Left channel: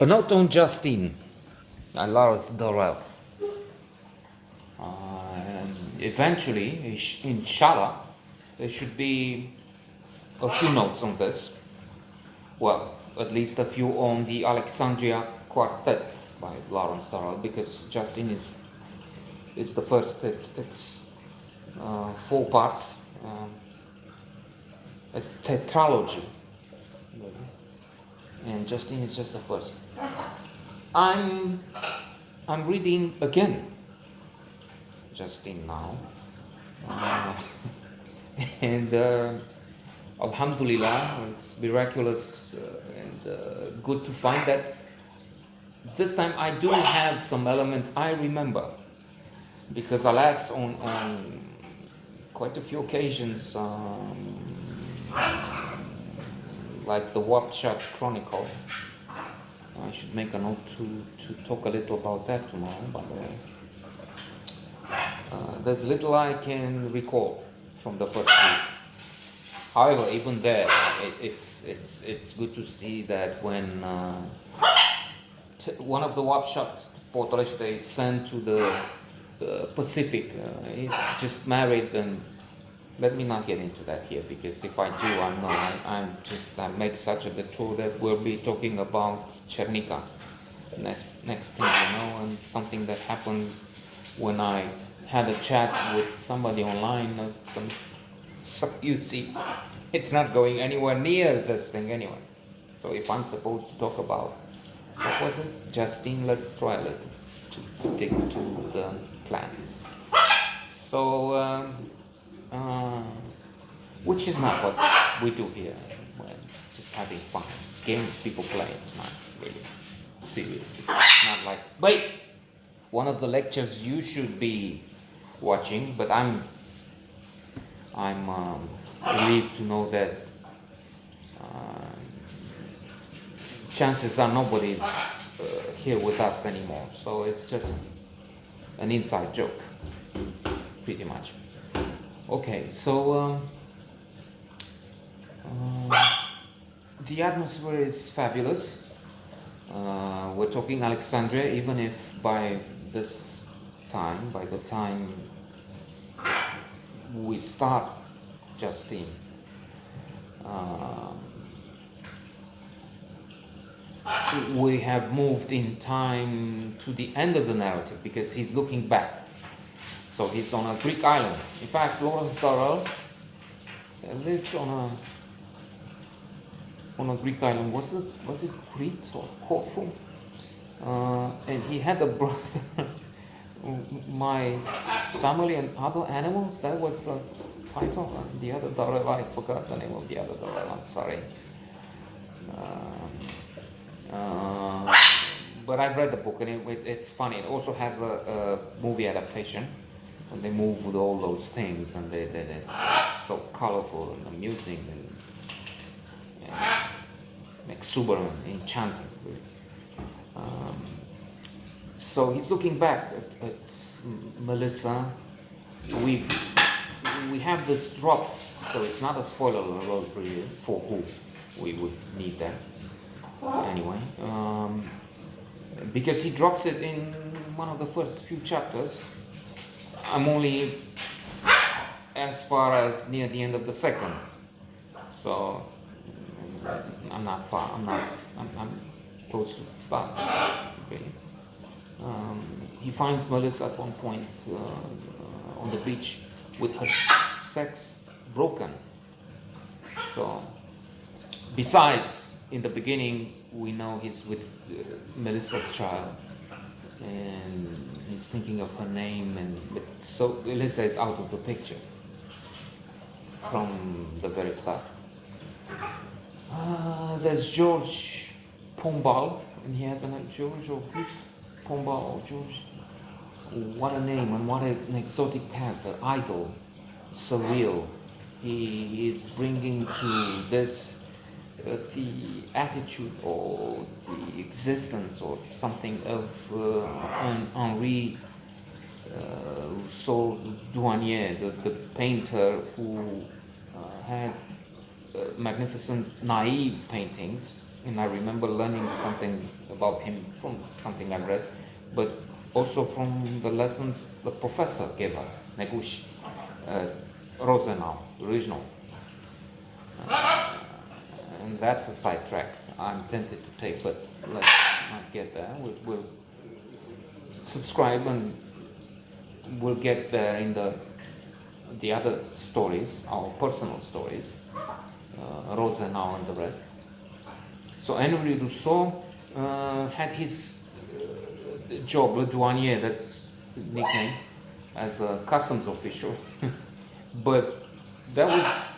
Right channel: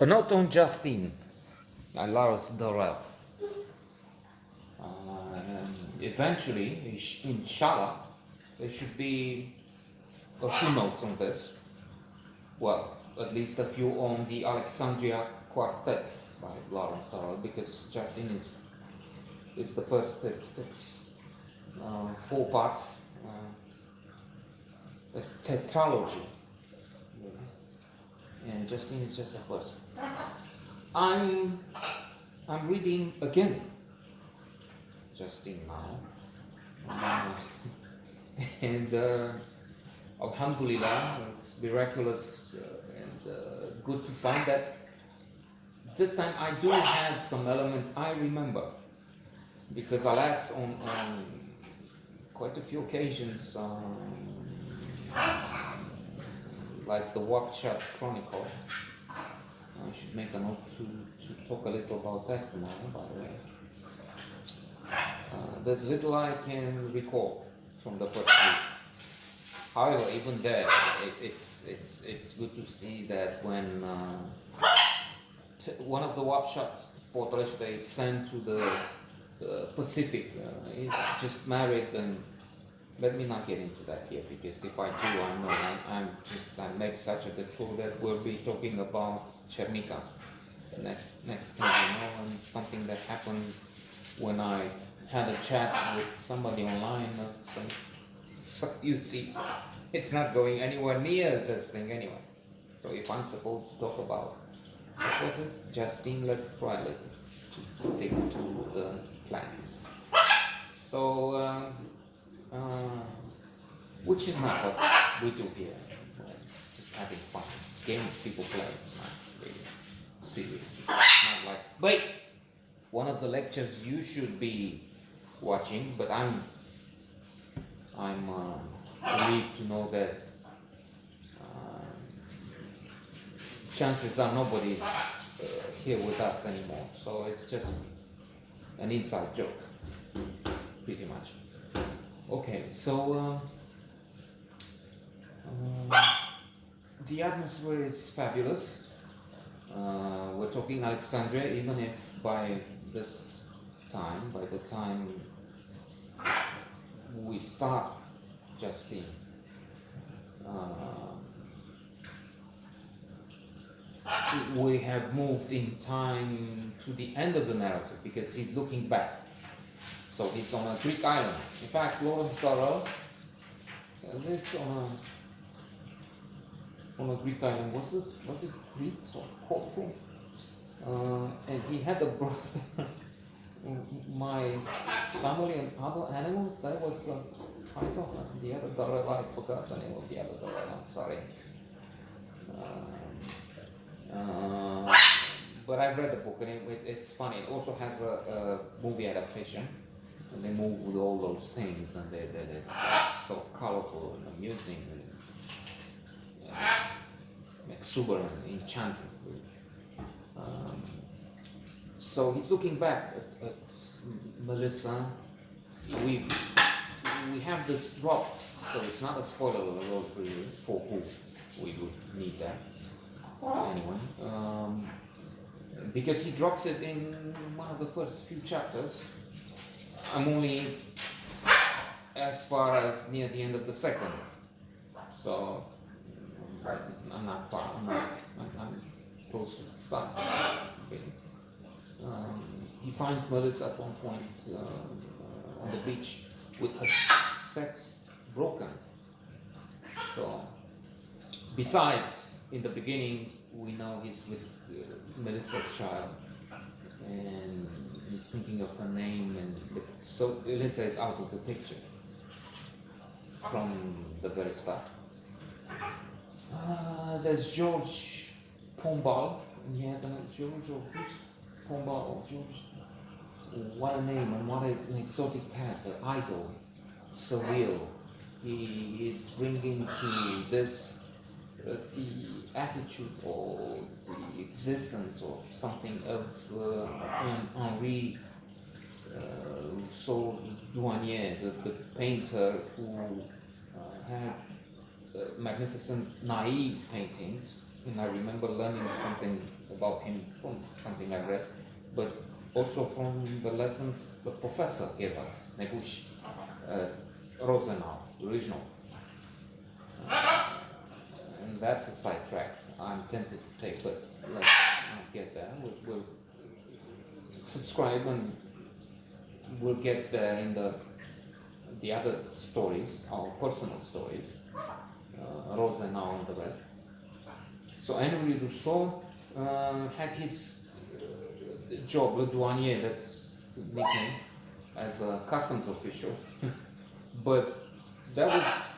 A note on Justine and Lars Durrell. And eventually, inshallah, there should be a few notes on this. Well, at least a few on the Alexandria Quartet by Lawrence Durrell, because Justine is the first. It's four parts, a tetralogy, and Justine is just the first. I'm reading again Justine now, and Alhamdulillah, it's miraculous and good to find that this time I do have some elements I remember, because alas, on quite a few occasions, like the Wapshot Chronicle, I should make a note to talk a little about that tomorrow, by the way. There's little I can recall from the first week. However, even there, it's good to see that when one of the Wapshots, Portales, they sent to the Pacific, he's just married, and let me not get into that here, because if I do, I made such a detour that we'll be talking about Chernica next thing, and something that happened when I had a chat with somebody online. So you see, it's not going anywhere near this thing anyway. So if I'm supposed to talk about, what was it? Justine, let's try a little to stick to the plan. So, which is not what we do here. We're just having fun. It's games people play. It's not really serious. It's not like, wait, one of the lectures you should be watching, but I'm relieved to know that chances are nobody's here with us anymore. So it's just an inside joke, pretty much. Okay, so the atmosphere is fabulous. We're talking Alexandria, even if by the time we start Justine, we have moved in time to the end of the narrative, because he's looking back. So he's on a Greek island. In fact, Lawrence Durrell lived on a Greek island. Was it Crete or Corfu? And he had a brother. My Family and Other Animals. That was a title. The other Durrell, I forgot the name of the other Durrell. I'm sorry. But I've read the book, and it's funny. It also has a movie adaptation. And they move with all those things, and it's so colorful and amusing and exuberant, enchanting. So he's looking back at Melissa. We have this dropped, so it's not a spoiler alert really for who we would need that anyway, because he drops it in one of the first few chapters. I'm only as far as near the end of the second, so I'm not far. I'm close to the start. Really. He finds Melissa at one point on the beach with her sex broken. So, besides, in the beginning, we know he's with Melissa's child, and he's thinking of her name, so Melissa is out of the picture from the very start. There's George Pombal, and he has a name, George or who's Pombal or George? What a name, and what an exotic character, idol, surreal. He is bringing to this the attitude or the existence or something of Henri Douanier, the painter who had magnificent naive paintings and I remember learning something about him from something I read, but also from the lessons the professor gave us, Negush, Rosenau, original. And that's a sidetrack I'm tempted to take, but let's not get there. We'll subscribe and we'll get there in the other stories, our personal stories, Rosenau and the rest. So Henri Rousseau had his job, Le Douanier, that's the nickname, as a customs official, but that was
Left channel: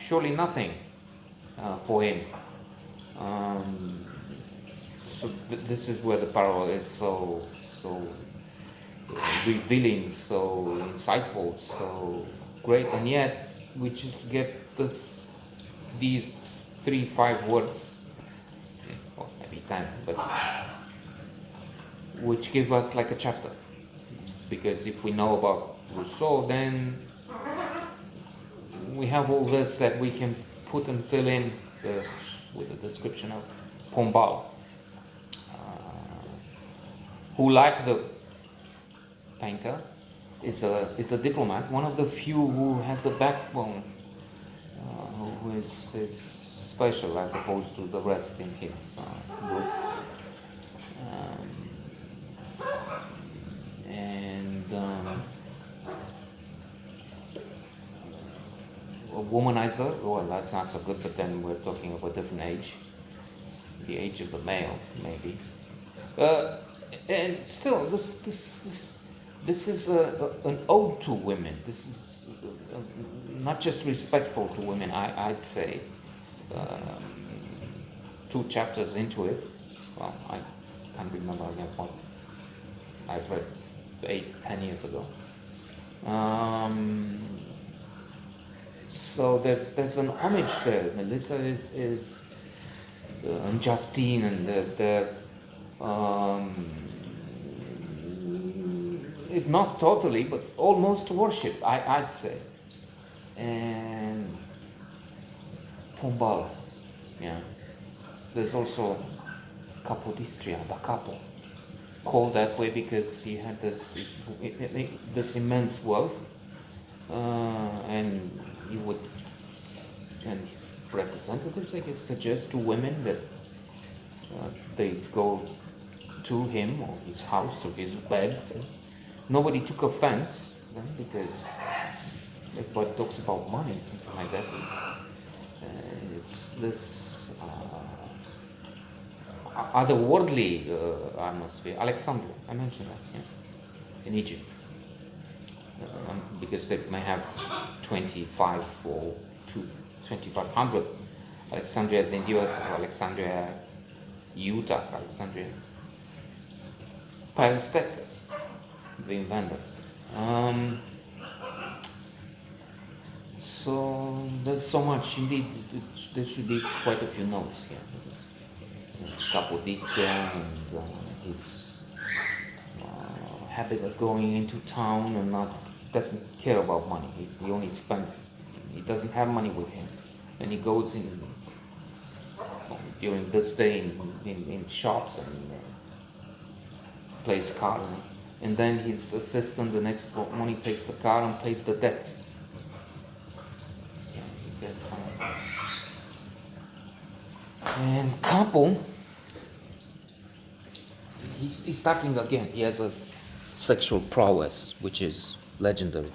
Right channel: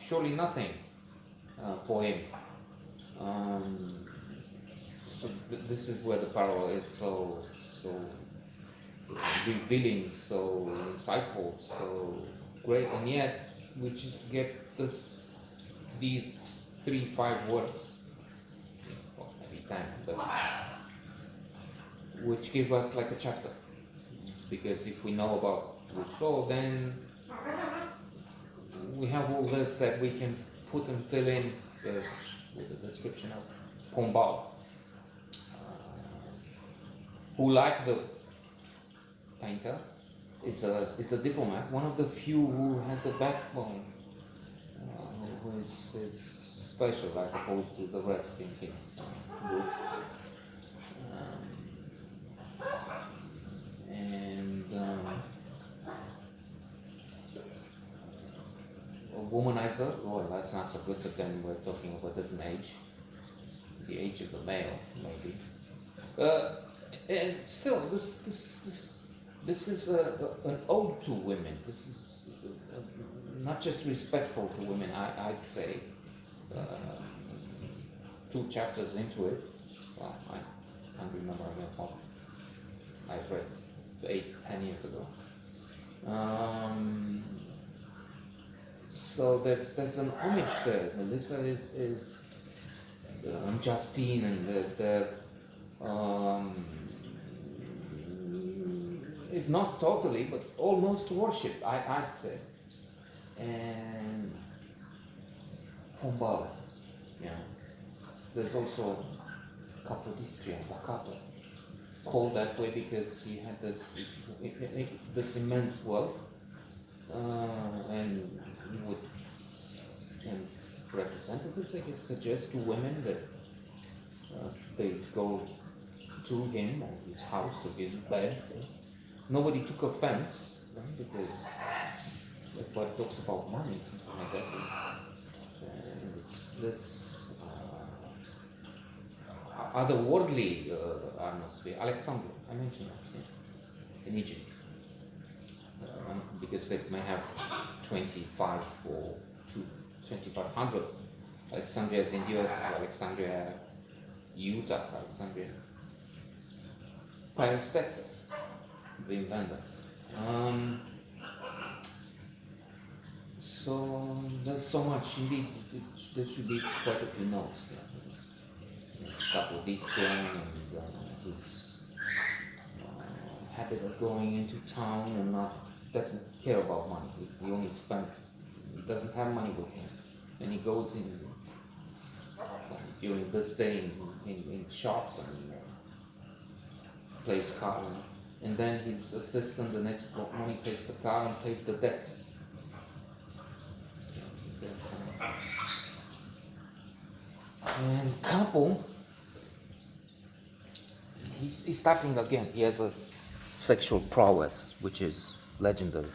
surely nothing for him. So this is where the parallel is so revealing, so insightful, so great, and yet we just get these 3-5 words, or maybe 10, but which give us like a chapter. Because if we know about Rousseau, then we have all this that we can put and fill in with the description of Pombal, who, like the painter, is a diplomat, one of the few who has a backbone, who is special as opposed to the rest in his group. A womanizer, well, that's not so good, but then we're talking of a different age, the age of the male, maybe. And still, this is an ode to women. This is not just respectful to women, I'd say. 2 chapters into it, well, I can't remember again what I've read 8-10 years ago. So there's an homage there. Melissa is and Justine, and they're if not totally, but almost worship, I'd say. And Pombal, yeah. There's also Capodistria, da Capo, called that way because he had this immense wealth, and he would, and his representatives, I guess, suggest to women that they go to him or his house or his bed. Nobody took offense because everybody talks about money, something like that. It's this otherworldly atmosphere. Alexandria, I mentioned that, yeah, in Egypt. Because they may have 25 or 2,500 Alexandrias in the US, Alexandria, Utah, Alexandria, Paris, Texas, the inventors. So there's so much. Indeed, there should be quite a few notes here. His Capodistria and his habit of going into town and doesn't care about money. He only spends. He doesn't have money with him, and he goes in during this day in shops and plays cards, and then his assistant the next morning takes the car and pays the debts. Because, and Capo, he's starting again. He has a sexual prowess which is legendary.